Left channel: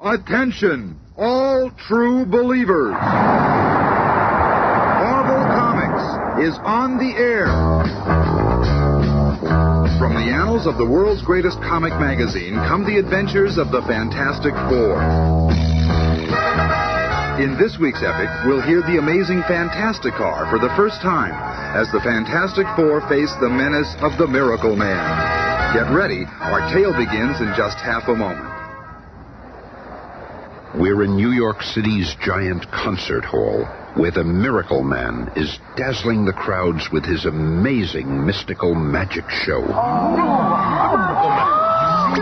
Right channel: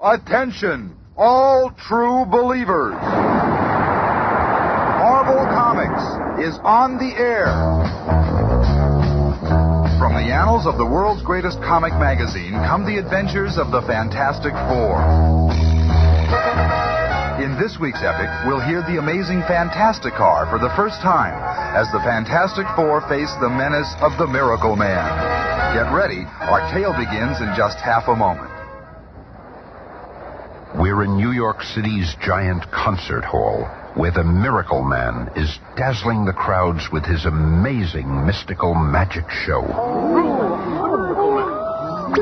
Attention, all true believers. Marvel Comics is on the air. From the annals of the world's greatest comic magazine come the adventures of the Fantastic Four. In this week's epic, we'll hear the amazing Fantastic Car for the first time as the Fantastic Four face the menace of the Miracleman. Get ready, our tale begins in just half a moment. We're in New York City's giant concert hall, where the Miracleman is dazzling the crowds with his amazing mystical magic show. He's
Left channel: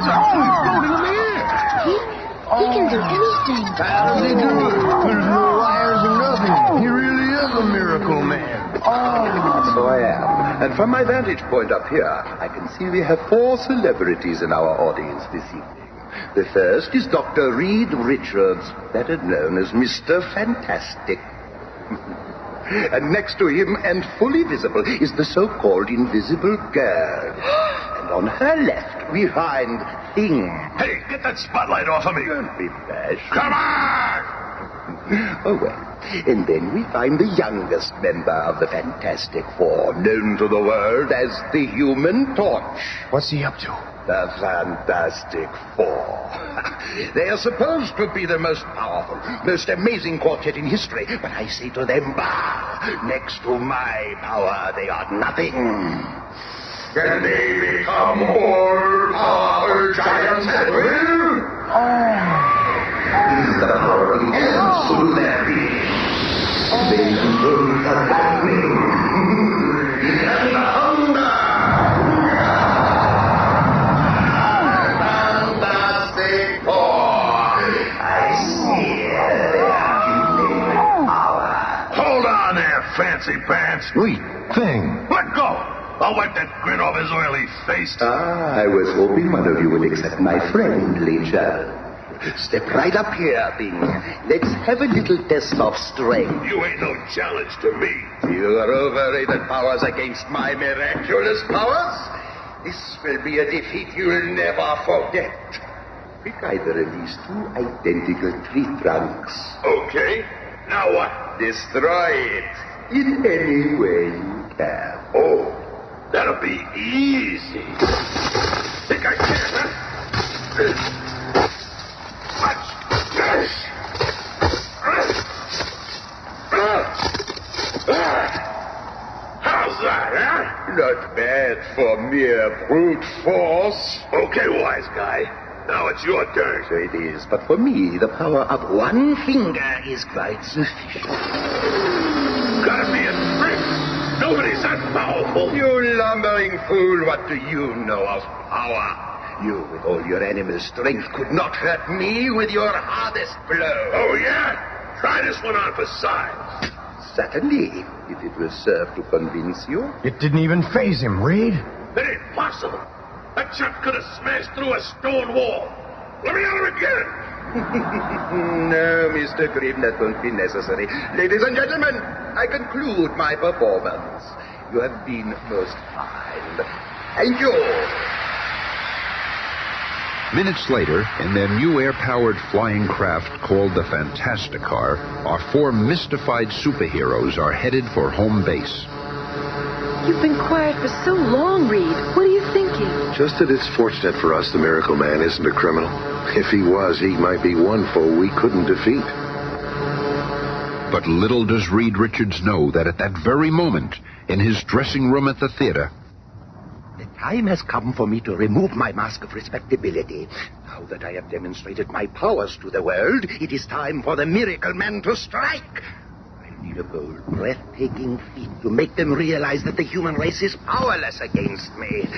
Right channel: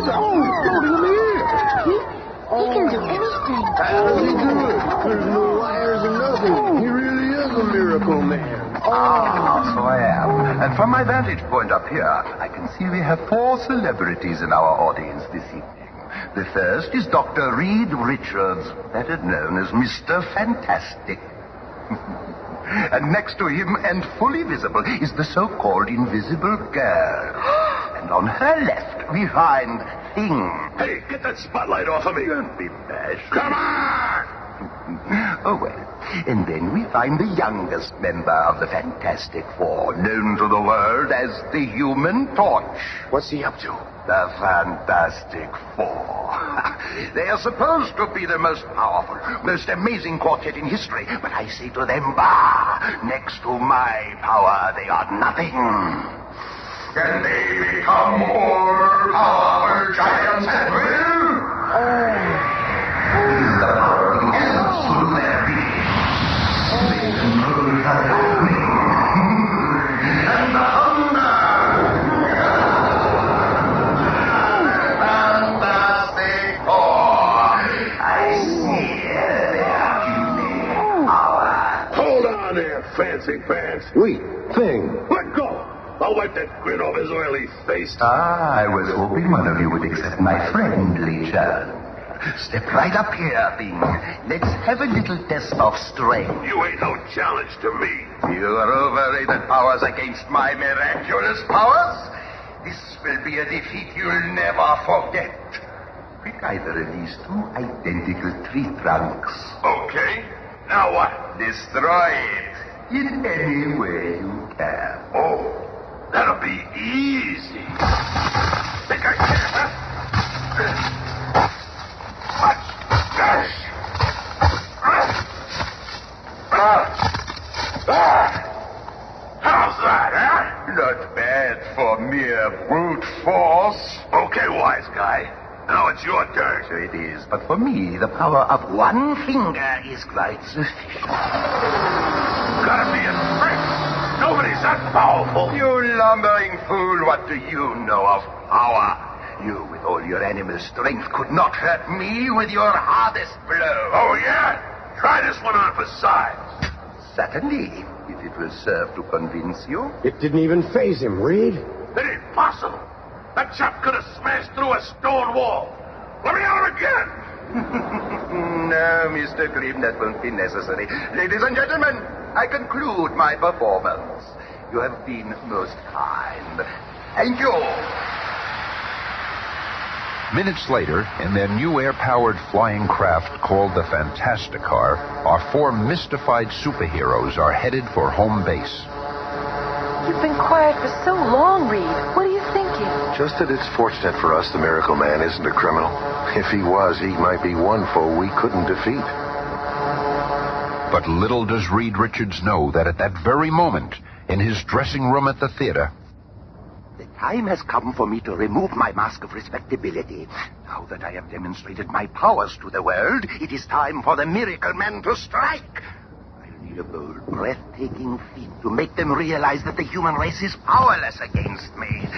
always floating in the air. He can do anything. How does he do it? There's no wires or nothing. He really is a miracle man. So I am. And from my vantage point up here, I can see we have 4 celebrities in our audience this evening. The first is Dr. Reed Richards, better known as Mr. Fantastic. And next to him, and fully visible, is the so-called Invisible Girl. And on her left, we find Thing. Hey, get that spotlight off of me. Don't be bashful. Come on! Oh, well. And then we find the youngest member of the Fantastic Four, known to the world as the Human Torch. What's he up to? The Fantastic Four. They are supposed to be the most powerful, most amazing quartet in history. But I say to them, bah! Next to my power, they are nothing. Can they become more powerful giants at will? The power begins through their being. They will not have me. Fancy pants. Wait, Thing. Let go! I'll wipe that grin off his oily face. I was hoping one of you would accept my friendly challenge. Step right up here, Thing. Let's have a little test of strength. You ain't no challenge to me. Your overrated powers against my miraculous powers? This will be a defeat you'll never forget. Pick either of these 2 identical tree trunks. Okay. Now what? Destroy it. In any way you can. Oh, that'll be easy. Think I can, huh? Watch. Yes. How's that, huh? Not bad for mere brute force. Okay, wise guy. Now it's your turn. So it is, but for me, the power of one finger is quite sufficient. Gotta be a trick. Nobody's that powerful. You lumbering fool, what do you know of power? You, with all your animal strength, could not hurt me with your hardest blow. Oh, yeah? Try this one on for size. Certainly, if it will serve to convince you. It didn't even faze him, Reed. It ain't possible. That chap could have smashed through a stone wall. Let me at him again. No, Mr. Grimm, that won't be necessary. Ladies and gentlemen, I conclude my performance. You have been most kind. Thank you. Minutes later, in their new air-powered flying craft called the Fantastic Car, our 4 mystified superheroes are headed for home base. You've been quiet for so long, Reed. What are you thinking? Just that it's fortunate for us the Miracle Man isn't a criminal. If he was, he might be one foe we couldn't defeat. But little does Reed Richards know that at that very moment, in his dressing room at the theater, The time has come for me to remove my mask of respectability. Now that I have demonstrated my powers to the world, it is time for the Miracleman to strike. I'll need a bold, breathtaking feat to make them realize that the human race is powerless against me.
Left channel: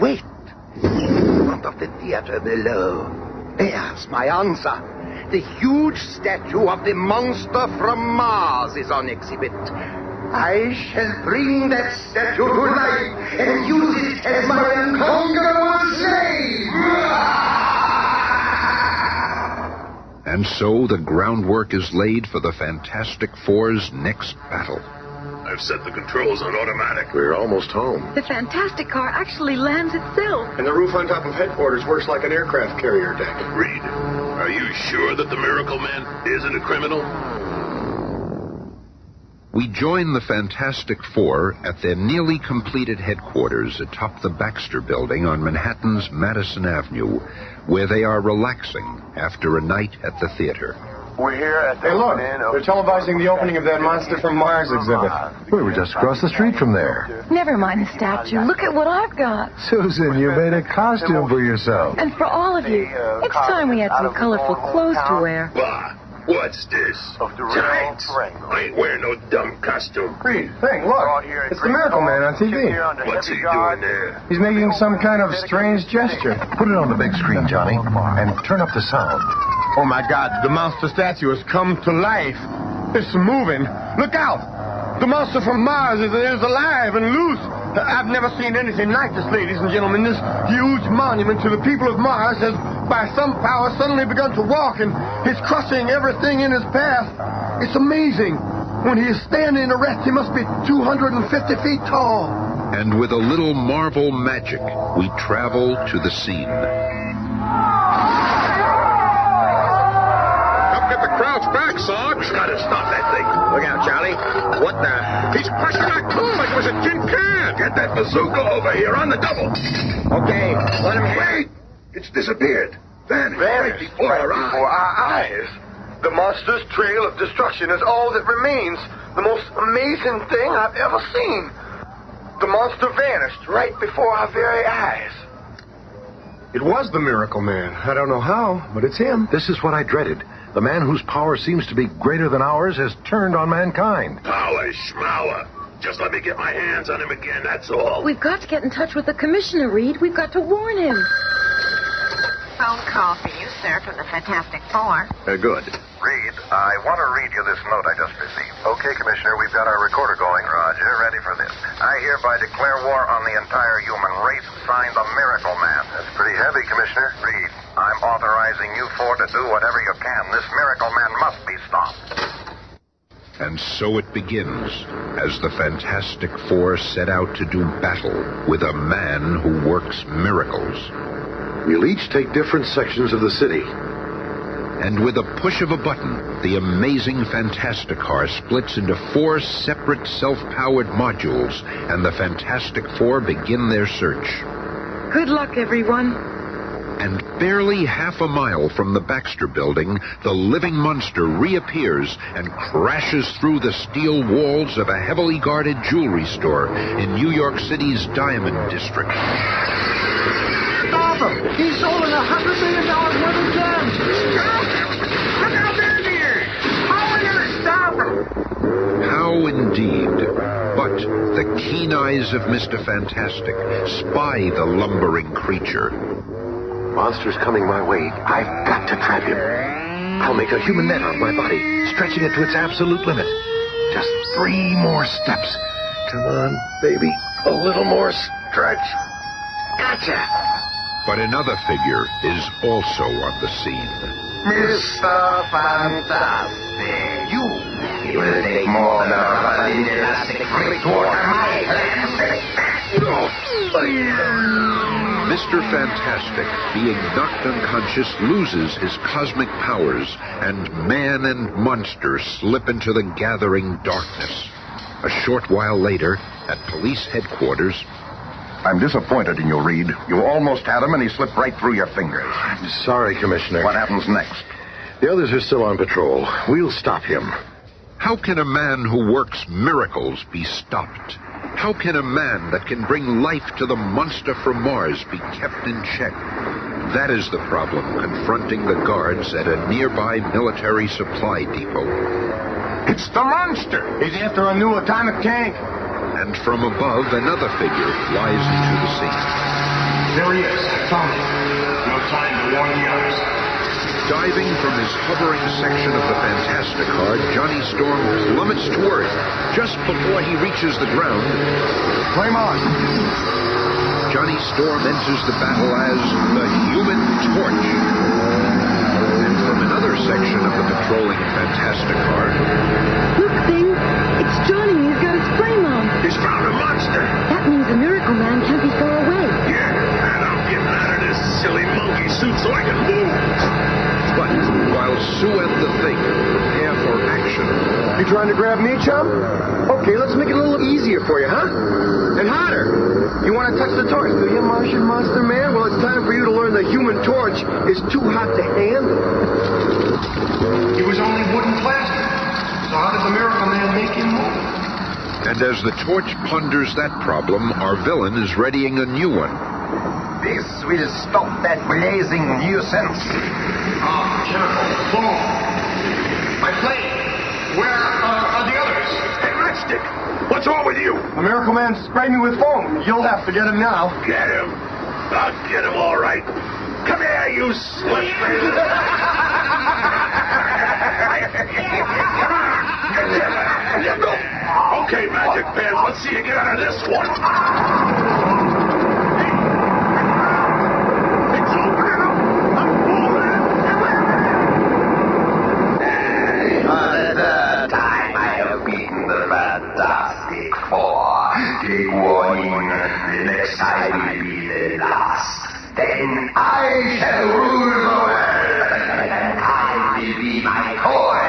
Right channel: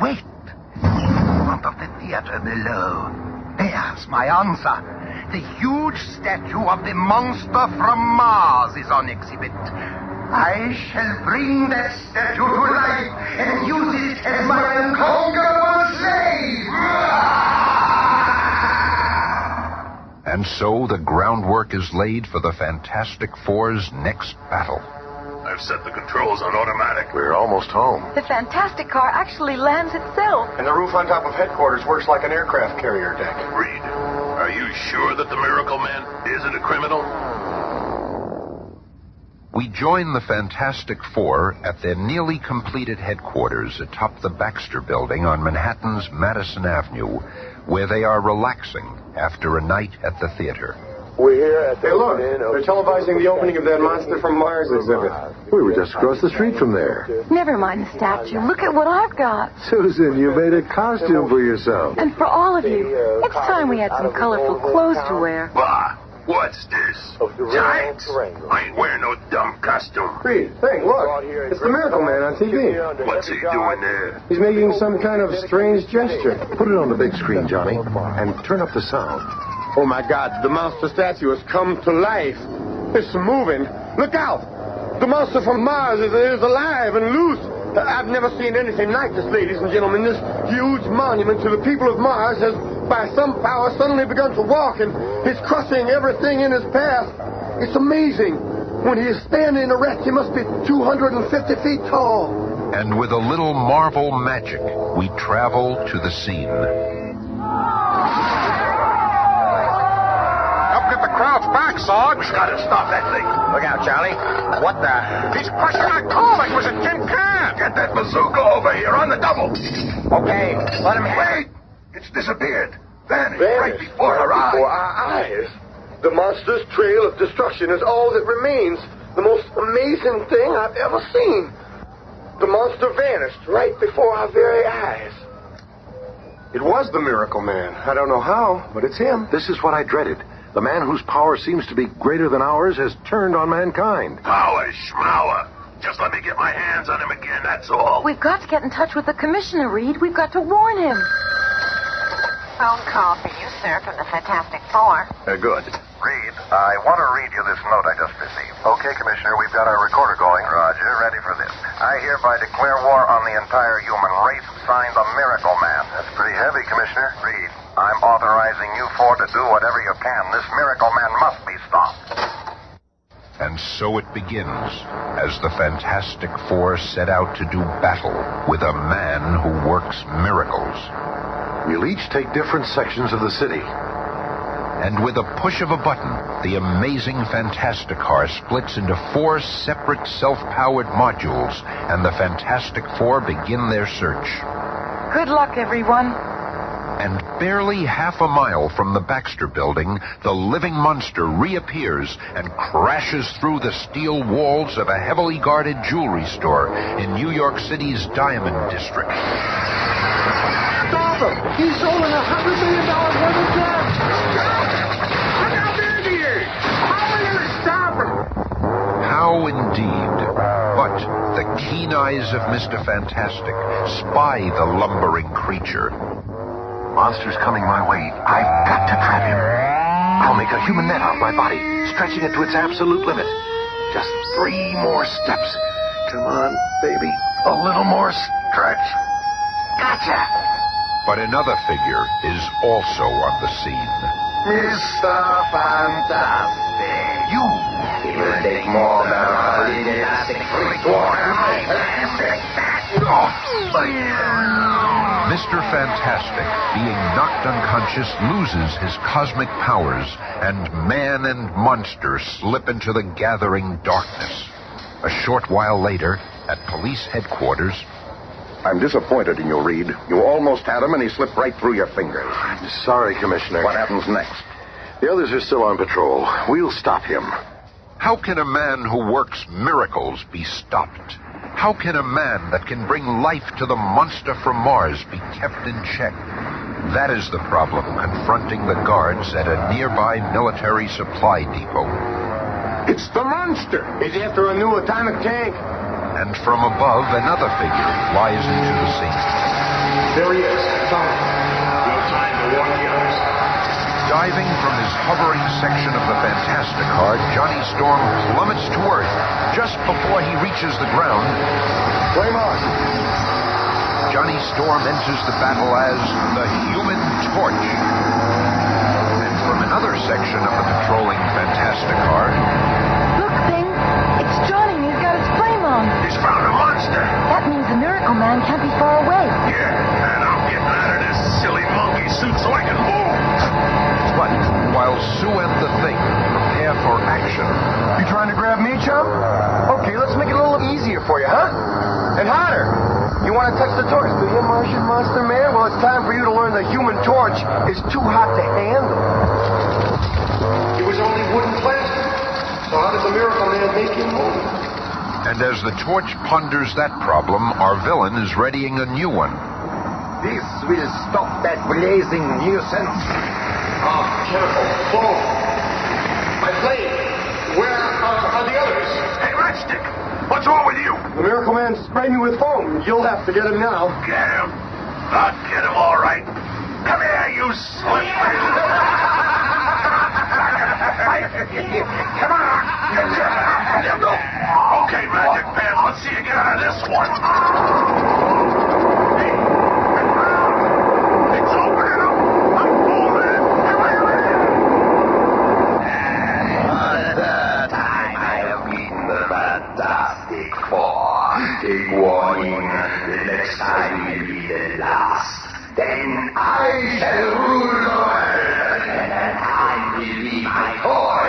Wait. In front of the theater below. There's my answer. The huge statue of the monster from Mars is on exhibit. I shall bring that statue to life and use it as my unconquerable slave. and so the groundwork is laid for the Fantastic Four's next battle. I've set the controls on automatic. We're almost home. The Fantastic Car actually lands itself. And the roof on top of headquarters works like an aircraft carrier deck. Reed, are you sure that the Miracleman isn't a criminal? We join the Fantastic Four at their nearly completed headquarters atop the Baxter Building on Manhattan's Madison Avenue, where they are relaxing after a night at the theater. We're here at the they're televising the opening of that Monster from Mars exhibit. We were just across the street from there. Never mind the statue. Look at what I've got. Susan, you made a costume for yourself. And for all of you, it's time we had some colorful clothes to wear. Bah! What's this? Giants? I ain't wearing no dumb costume. Reed, hey, look. It's the Miracleman on TV. What's he doing there? He's making some kind of strange gesture. Put it on the big screen, Johnny, and turn up the sound. Oh, my God. The monster statue has come to life. It's moving. Look out. The monster from Mars is alive and loose. I've never seen anything like this, ladies and gentlemen. This huge monument to the people of Mars has, by some power, suddenly begun to walk, and he's crushing everything in his path. It's amazing. When he is standing erect, he must be 250 feet tall. And with a little Marvel magic, we travel to the scene. Get the crowds back, Sarge. We gotta stop that thing. Look out, Charlie. What the? He's crushing our car like it was a tin can. Get that bazooka over here on the double. Okay, let him Wait! It's disappeared. Vanished right before our eyes. The monster's trail of destruction is all that remains. The most amazing thing I've ever seen. The monster vanished right before our very eyes. It was the Miracleman. I don't know how, but it's him. This is what I dreaded. The man whose power seems to be greater than ours has turned on mankind. Power schmower. Just let me get my hands on him again, that's all. We've got to get in touch with the commissioner, Reed. We've got to warn him. Phone call for you, sir, from the Fantastic Four. Good. Reed, I want to read you this note I just received. Okay, Commissioner, we've got our recorder going. Roger, ready for this. I hereby declare war on the entire human race. Signed, the Miracleman. That's pretty heavy, Commissioner. Reed, I'm authorizing you four to do whatever you can. This Miracleman must be stopped. And so it begins, as the Fantastic Four set out to do battle with a man who works miracles. We'll each take different sections of the city. And with a push of a button, the amazing Fantasticar splits into 4 separate self-powered modules, and the Fantastic Four begin their search. Good luck, everyone. And barely half a mile from the Baxter Building, the living monster reappears and crashes through the steel walls of a heavily guarded jewelry store in New York City's Diamond District. Stop him! He's stolen $100 million worth of gems! Stop him! Look how big he is! How are we going to stop him? How indeed. But the keen eyes of Mr. Fantastic spy the lumbering creature. Monster's coming my way. I've got to trap him. I'll make a human net out of my body, stretching it to its absolute limit. Just 3 more steps. Come on, baby. A little more stretch. Gotcha! But another figure is also on the scene. Mr. Fantastic, it will take more than a rubber lead elastic freak to water my Mr. Fantastic, being knocked unconscious, loses his cosmic powers, and man and monster slip into the gathering darkness. A short while later, at police headquarters... I'm disappointed in you, Reed. You almost had him, and he slipped right through your fingers. I'm sorry, Commissioner. What happens next? The others are still on patrol. We'll stop him. How can a man who works miracles be stopped? How can a man that can bring life to the monster from Mars be kept in check? That is the problem confronting the guards at a nearby military supply depot. It's the monster! He's after a new atomic tank. And from above, another figure flies into the scene. There he is, Tommy. No time to warn the others. Diving from his hovering section of the Fantasticar, Johnny Storm plummets to Earth just before he reaches the ground. Flame on. Johnny Storm enters the battle as the Human Torch. And from another section of the patrolling Fantasticar... Look, Thing. It's Johnny. He's got his flame on. He's found a monster. That means the Miracleman can't be far away. Yeah, and I'm getting out of this silly monkey suit so I can move. But while Sue and the Thing prepare for action. You trying to grab me, chum? Okay, let's make it a little easier for you, huh? And harder. You want to touch the torch, do you, Martian Monster Man? Well, it's time for you to learn the human torch is too hot to handle. He was only wood and plastic. So how did the Miracleman make him move? And as the torch ponders that problem, our villain is readying a new one. This will stop that blazing nuisance. Chemical. Boom. My flame. Where are the others? Hey, Matchstick, what's wrong with you? The Miracleman sprayed me with foam. You'll have to get him now. Get him. I'll get him all right. Come here, you slippery. Come on. Okay, Magic Pants, let's see you get out of this one. It's opening up. Another time I have beaten the Fantastic Four. Take warning, the next time will be the last. Then I shall rule the world, and that time will be my toy.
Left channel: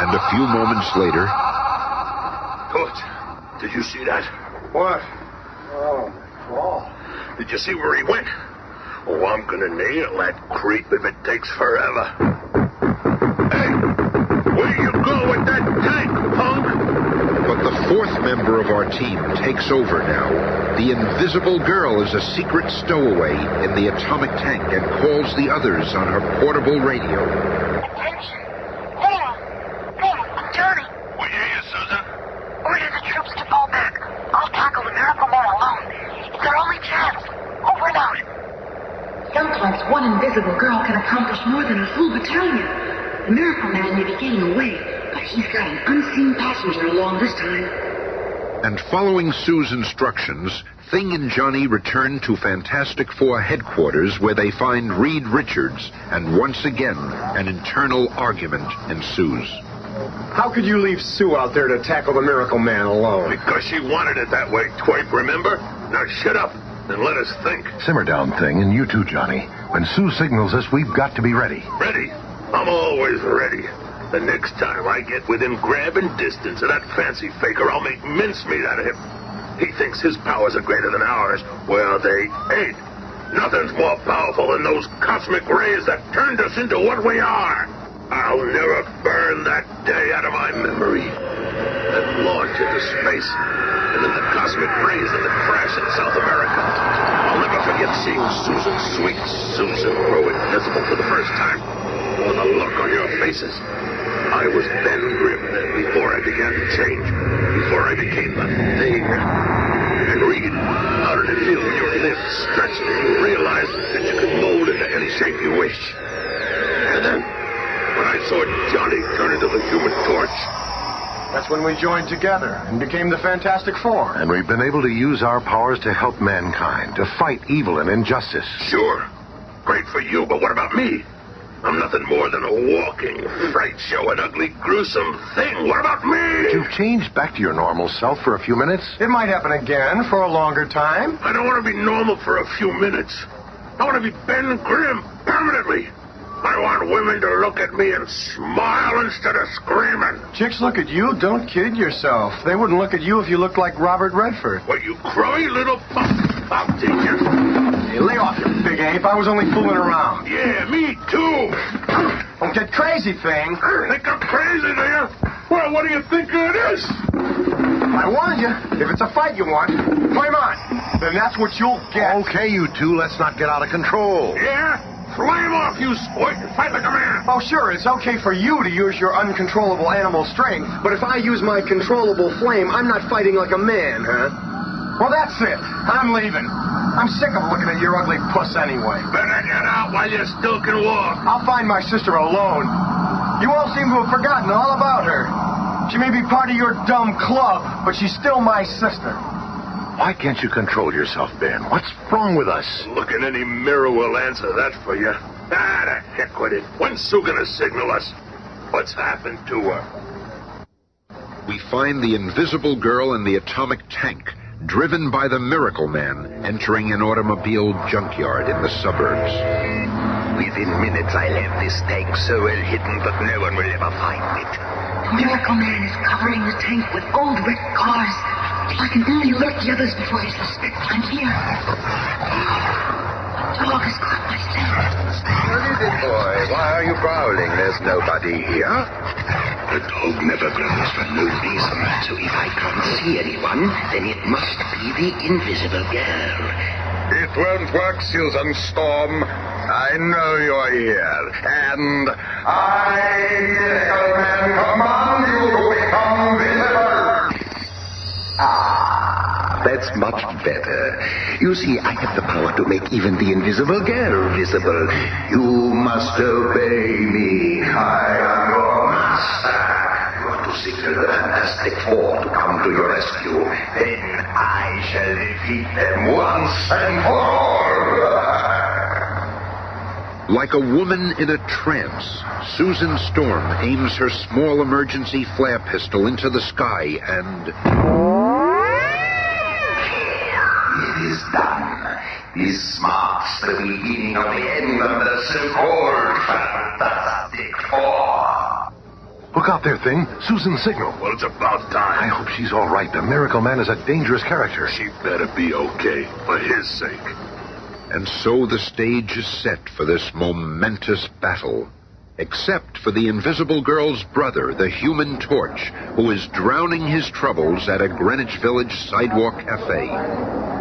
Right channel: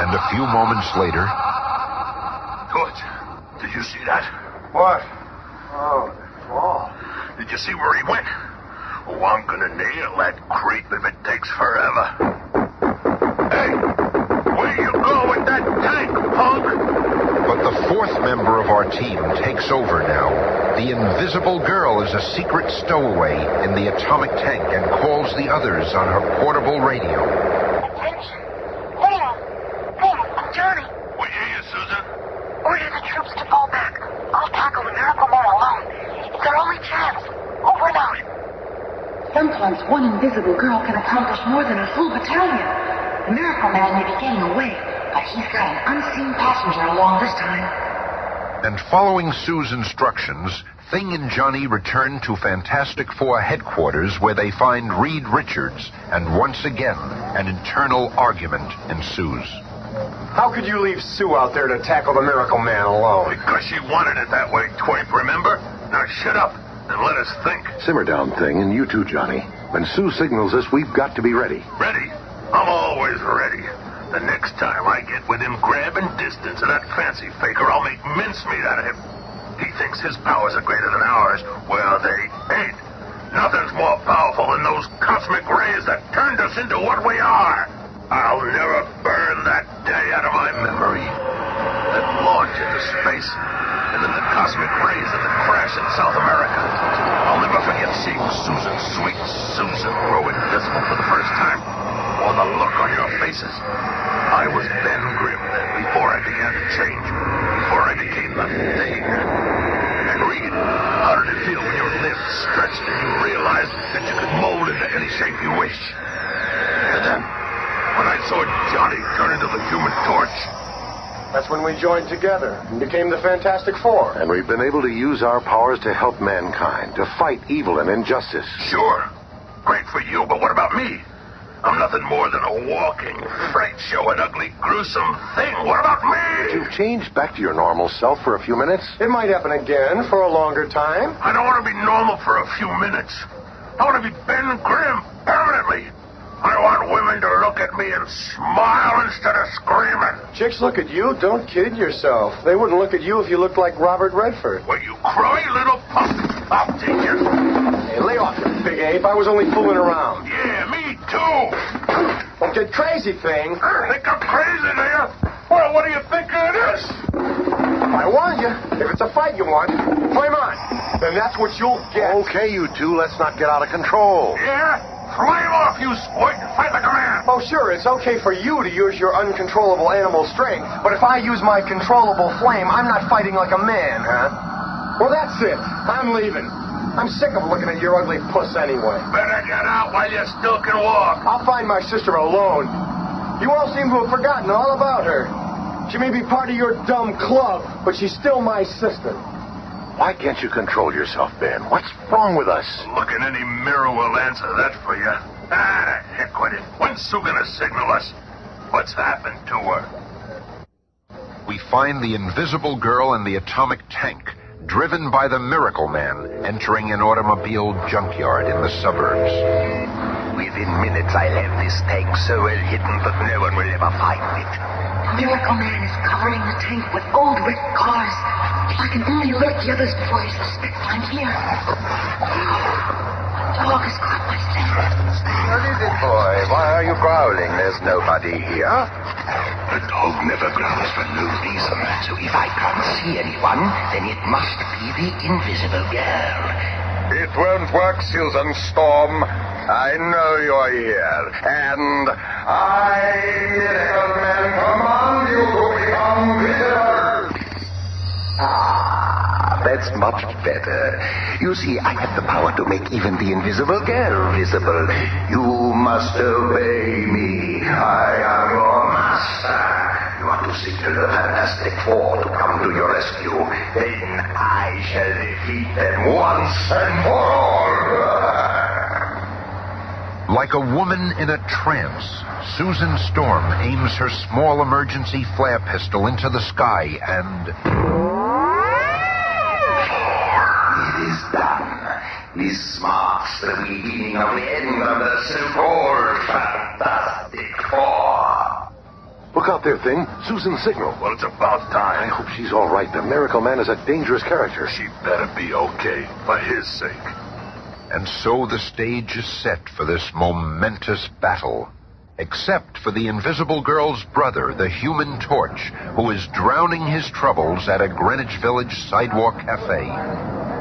And a few moments later... Good. Did you see that? What? Oh, that wall. Did you see where he went? Oh, I'm gonna nail that creep if it takes forever. Hey, where you go with that tank, punk? But the fourth member of our team takes over now. The Invisible Girl is a secret stowaway in the atomic tank and calls the others on her portable radio. Attention. There, Johnny. We hear you, Susan. Order the troops to fall back. I'll tackle the Miracleman alone. It's our only chance. Over and out. Sometimes one invisible girl can accomplish more than a full battalion. The Miracleman may be getting away, but he's got an unseen passenger along this time. And following Sue's instructions, Thing and Johnny return to Fantastic Four headquarters where they find Reed Richards, and once again, an internal argument ensues. How could you leave Sue out there to tackle the Miracleman alone? Because she wanted it that way, twerp, remember? Now shut up and let us think. Simmer down, Thing, and you too, Johnny. When Sue signals us, we've got to be ready. Ready? I'm always ready. The next time I get within grabbing distance of that fancy faker, I'll make mincemeat out of him. He thinks his powers are greater than ours. Well, they ain't. Nothing's more powerful than those cosmic rays that turned us into what we are. I'll never burn that day out of my memory. That launch into space, and then the cosmic rays and the crash in South America. I'll never forget seeing Susan, sweet Susan, grow invisible for the first time. Or the look on your faces. I was Ben Grimm then, before I began to change. Before I became the Thing. And Reed, how did it feel when your lips stretched and you realized that you could mold into any shape you wish? And then, when I saw Johnny turn into the Human Torch. That's when we joined together and became the Fantastic Four. And we've been able to use our powers to help mankind, to fight evil and injustice. Sure. Great for you, but what about me? I'm nothing more than a walking fright show, an ugly, gruesome thing. What about me? You've changed back to your normal self for a few minutes. It might happen again for a longer time. I don't want to be normal for a few minutes. I want to be Ben Grimm permanently. I want women to look at me and smile instead of screaming. Chicks look at you, don't kid yourself. They wouldn't look at you if you looked like Robert Redford. Well, you cry, little punk. I'll teach you. Hey, lay off, you big ape. I was only fooling around. Yeah, me too. Don't get crazy, Thing. Think I'm crazy, do you? Well, what do you think it is? I warned you. If it's a fight you want, flame on. Then that's what you'll get. Okay, you two, let's not get out of control. Yeah? Flame off, you sport, and fight like a man. Oh, sure, it's okay for you to use your uncontrollable animal strength, but if I use my controllable flame, I'm not fighting like a man, huh? Well, that's it. I'm leaving. I'm sick of looking at your ugly puss anyway. Better get out while you still can walk. I'll find my sister alone. You all seem to have forgotten all about her. She may be part of your dumb club, but she's still my sister. Why can't you control yourself, Ben? What's wrong with us? Look in any mirror will answer that for you. Ah, heck with it. When's Sue gonna signal us? What's happened to her? We find the Invisible Girl and the atomic tank, driven by the Miracleman, entering an automobile junkyard in the suburbs. Within minutes, I'll have this tank so well hidden that no one will ever find it. The Miracle Man is covering the tank with old wrecked cars. If I can only alert the others before he suspects I'm here. The dog has caught my scent. What is it, boy? Why are you growling? There's nobody here. The dog never growls for no reason. So if I can't see anyone, then it must be the invisible girl. It won't work, Susan Storm. I know you're here. And I, Miracleman, command you to become visible. That's much better. You see, I have the power to make even the invisible girl visible. You must obey me. I am your master. You are to signal the Fantastic Four to come to your rescue. Then I shall defeat them once and for all. Like a woman in a trance, Susan Storm aims her small emergency flare pistol into the sky and... It is done. This marks the beginning of the end of the so-called Fantastic Four. Look out there, Thing. Susan's signal. Well, it's about I time. hope she's all right. The Miracle Man is a dangerous character. She better be okay, for his sake. And so the stage is set for this momentous battle. Except for the Invisible Girl's brother, the Human Torch, who is drowning his troubles at a Greenwich Village sidewalk cafe.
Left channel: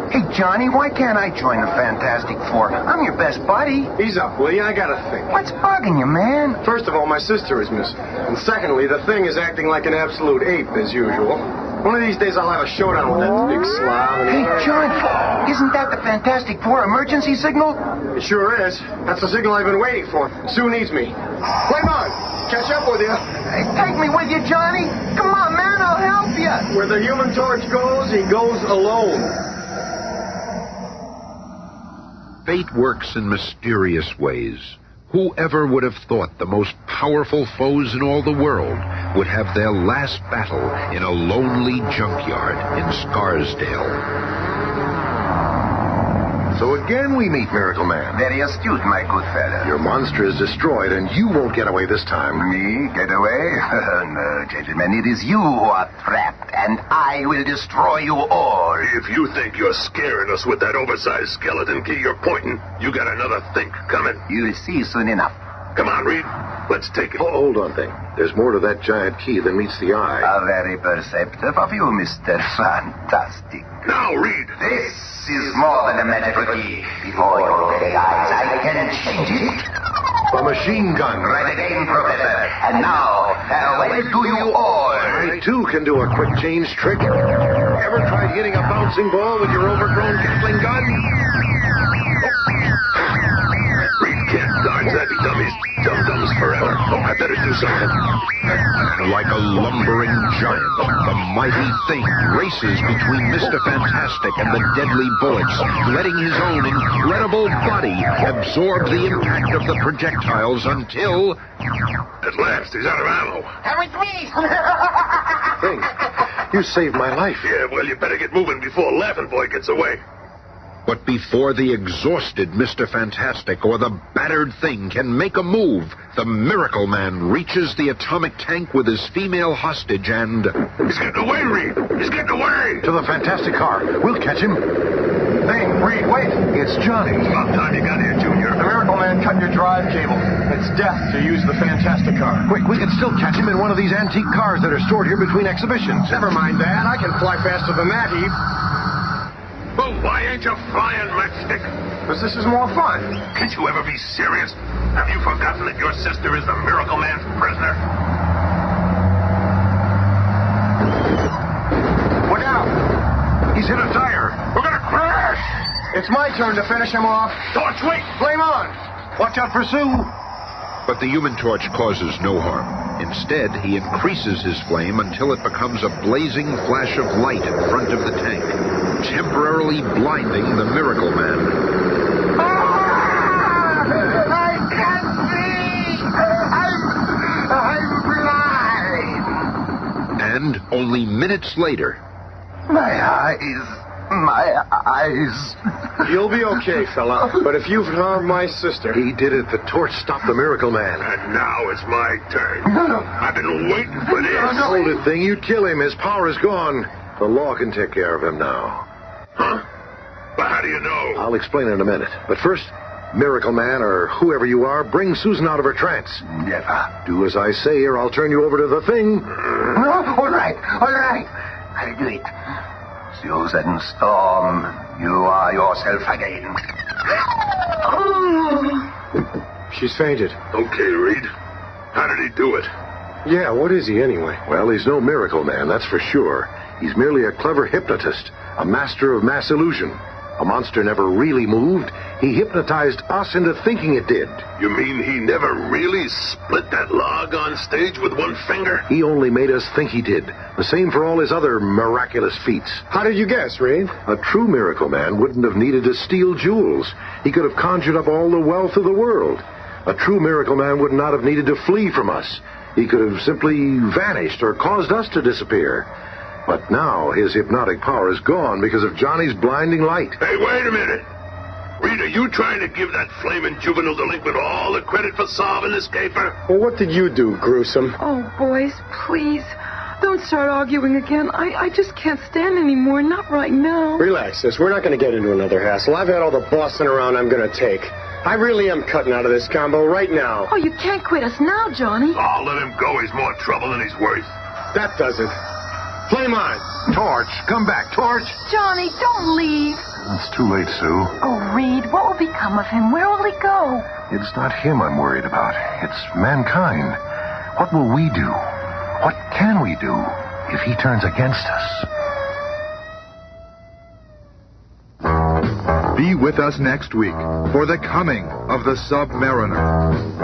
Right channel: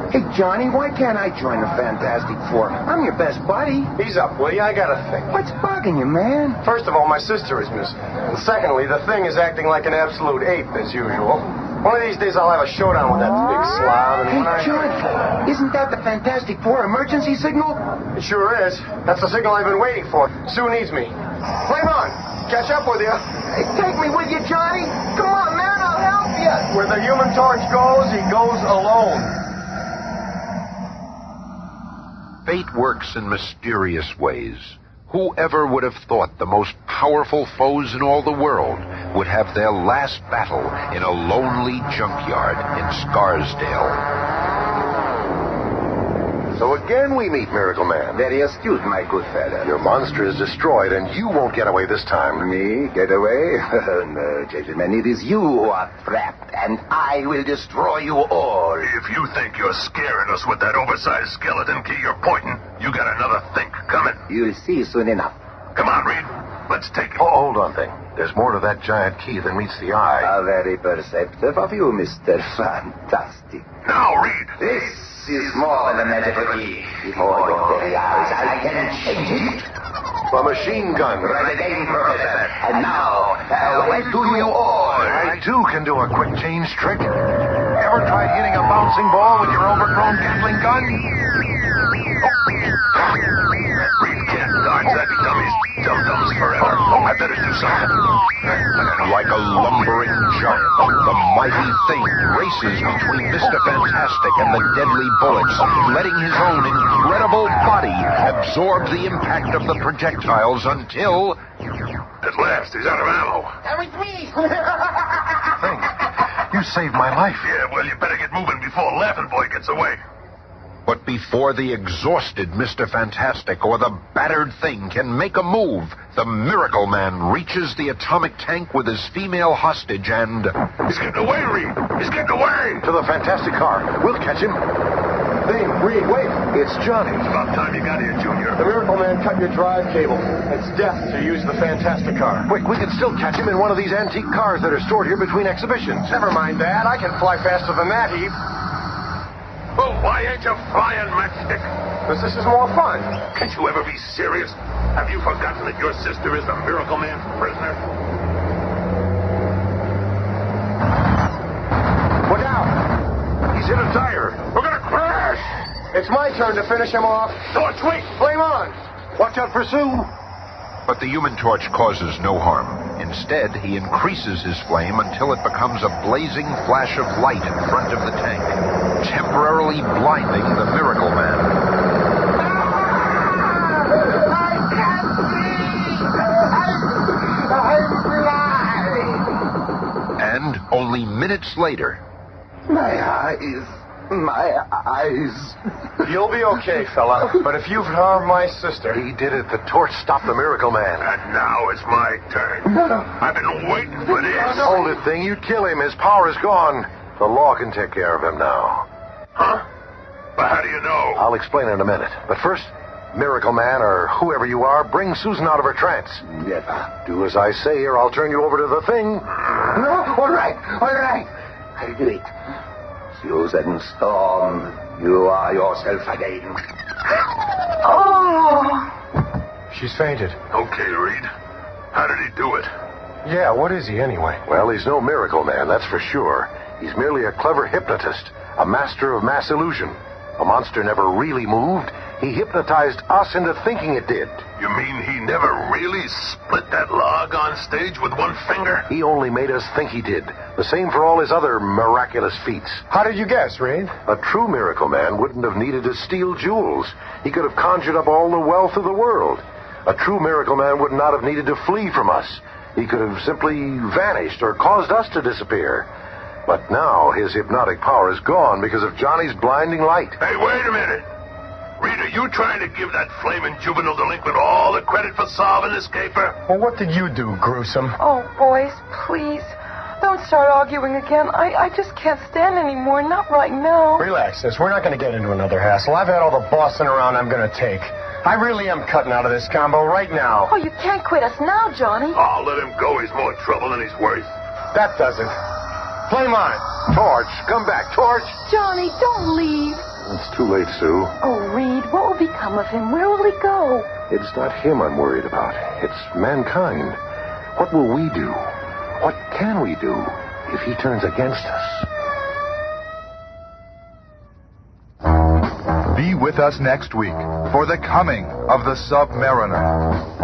Hey, Johnny, why can't I join the Fantastic Four? I'm your best buddy. Ease up, will you? I got a thing. What's bugging you, man? First of all, my sister is missing. And secondly, the thing is acting like an absolute ape, as usual. One of these days I'll have a showdown with that big slob. Hey, John, isn't that the Fantastic Four emergency signal? It sure is. That's the signal I've been waiting for. Sue needs me. Flame on! Catch up with you. Hey, take me with you, Johnny. Come on, man, I'll help you. Where the Human Torch goes, he goes alone. Fate works in mysterious ways. Whoever would have thought the most powerful foes in all the world would have their last battle in a lonely junkyard in Scarsdale? So again we meet Miracle Man. Very astute, my good fellow. Your monster is destroyed, and you won't get away this time. Me? Get away? No, gentlemen, it is you who are trapped, and I will destroy you all. If you think you're scaring us with that oversized skeleton key you're pointing, you got another think coming. You'll see soon enough. Come on, Reed. Let's take it. Oh, hold on, Thing. There's more to that giant key than meets the eye. How very perceptive of you, Mr. Fantastic. Now, Reed. This is more than a magical key. Before your very eyes, I can change it. A machine gun. Right again, Professor. And now, farewell to you all. I, too, can do a quick change trick. Ever tried hitting a bouncing ball with your overgrown Gatling gun? Reed can't dodge that dummy's dum-dums forever. I better do something. And like a lumbering giant, the mighty Thing races between Mr. Fantastic and the deadly bullets, letting his own incredible body absorb the impact of the projectiles until... At last, he's out of ammo. That was me. Thing, you saved my life. Yeah, well, you better get moving before Laughing Boy gets away. But before the exhausted Mr. Fantastic or the battered Thing can make a move, the Miracle Man reaches the atomic tank with his female hostage and... He's getting away, Reed. He's getting away. To the Fantastic car. We'll catch him. Thing, Reed, wait. It's Johnny. About time you got here, Junior. The Miracle Man cut your drive cable. It's death to use the Fantastic car. Quick, we can still catch him in one of these antique cars that are stored here between exhibitions. Never mind that. I can fly faster than that, Eve. Well, why ain't you flying, Matchstick? Because this is more fun. Can't you ever be serious? Have you forgotten that your sister is the Miracle Man's prisoner? Look out. He's hit a tire. We're gonna crash! It's my turn to finish him off. Torch, wait! Flame on. Watch out for Sue. But the Human Torch causes no harm. Instead, he increases his flame until it becomes a blazing flash of light in front of the tank, temporarily blinding the Miracle Man. I can't see! I'm blind! And only minutes later, My eyes, My eyes. You'll be okay, fella. But if you've harmed my sister... He did it. The torch stopped the Miracleman. And now it's my turn. I've been waiting for this. Hold it, thing. You'd kill him. His power is gone. The law can take care of him now. Huh? But how do you know? I'll explain in a minute. But first, Miracleman, or whoever you are, bring Susan out of her trance. Never. Do as I say, or I'll turn you over to the thing. All right. I'll do it. Susan Storm, you are yourself again. Oh! She's fainted. Okay, Reed. How did he do it? Yeah, what is he anyway? Well, he's no Miracleman, that's for sure. He's merely a clever hypnotist, a master of mass illusion. A monster never really moved. He hypnotized us into thinking it did. You mean he never really split that log on stage with one finger? He only made us think he did. The same for all his other miraculous feats. How did you guess, Reed? A true Miracleman wouldn't have needed to steal jewels. He could have conjured up all the wealth of the world. A true Miracleman would not have needed to flee from us. He could have simply vanished or caused us to disappear. But now his hypnotic power is gone because of Johnny's blinding light. Hey, wait a minute. Reed, are you trying to give that flaming juvenile delinquent all the credit for solving this caper? Well, what did you do, gruesome? Oh, boys, please. Don't start arguing again. I just can't stand anymore. Not right now. Relax, sis. We're not going to get into another hassle. I've had all the bossing around I'm going to take. I really am cutting out of this combo right now. Oh, you can't quit us now, Johnny. Oh, let him go. He's more trouble than he's worth. That doesn't. Flame on. Torch, come back, Torch. Johnny, don't leave. It's too late, Sue. Oh, Reed, what will become of him? Where will he go? It's not him I'm worried about. It's mankind. What will we do? What can we do if he turns against us? Be with us next week for the coming of the Submariner.